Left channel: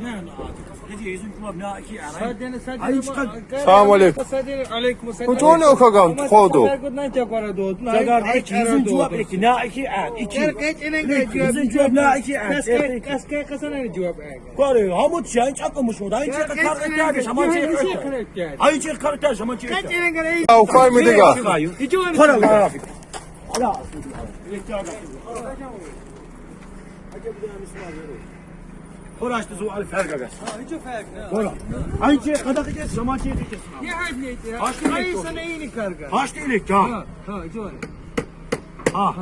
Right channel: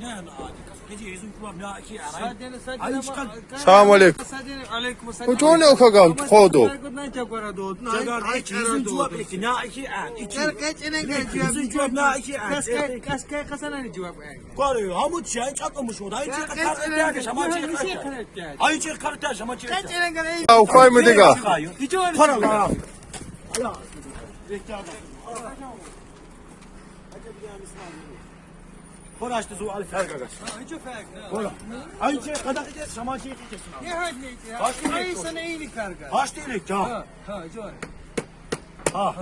Ne Hadi yüzün kulağım ne iki Selam aleyküm. Bu çoğu ne okagan kodu? Zagar hiç yüzün cevap iki ne iki yüzün cevap ne iki Koru hamut sen çakılmış orada hiç karakter şamaçı Ay hiç karakter şamaçı Okay mı diga? Para var Koraştı su al ferga gel. Kora. Aynı kadar geç zaman şey geçsin. Ne hadiyet ya? Ay sana iyilik karga. Kaç değilik ya? Ha, John. Ha.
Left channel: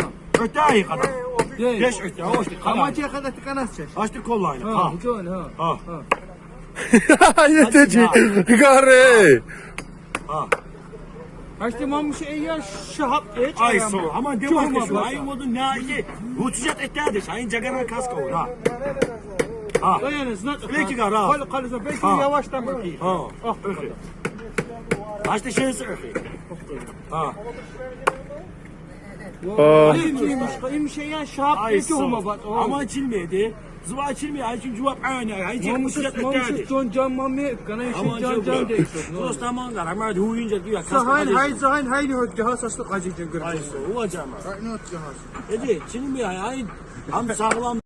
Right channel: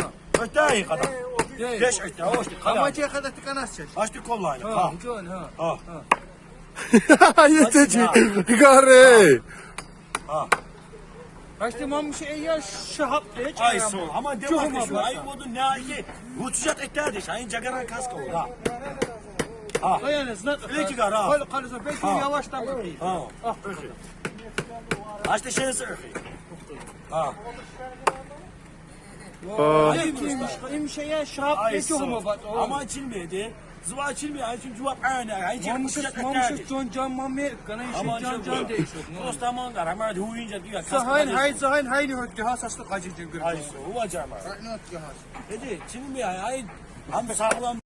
Öte kadar. Geç öte. Hoş değil. Amaçya kadar tıkanasın. Açtı kollayı. Ha, John ha. Ha. Yeteci. Gare. Ha. Açtı mamış ya şahap geç. Ay sol. Ama devam et. Ay modun ne iyi. Ruçacak eklerdi. Sayın Cagaran kaska o. Ha. Ha. Dayanız. Peki gar ha. Kalırsa belki yavaştan bakayım. Ha. Ah. Açtı şey sıkı. Ha. Benim şey ya şahap Ay geç olma sol. bak. Ama açılmıyordu. Zıva açılmıyor. Ay çünkü cevap aynı. Ay çünkü ruçacak eklerdi. Mamış John Can Mami. Ganayşe Ama Can Can değil. Dostaman gar. Ama huyunca diyor. Sahan hay ne öptü ha saçlı acıcın Ay gırgır. sol. O acama. Ne öptü ha? Dedi. Şimdi mi ya? Ay. Ham sağlam.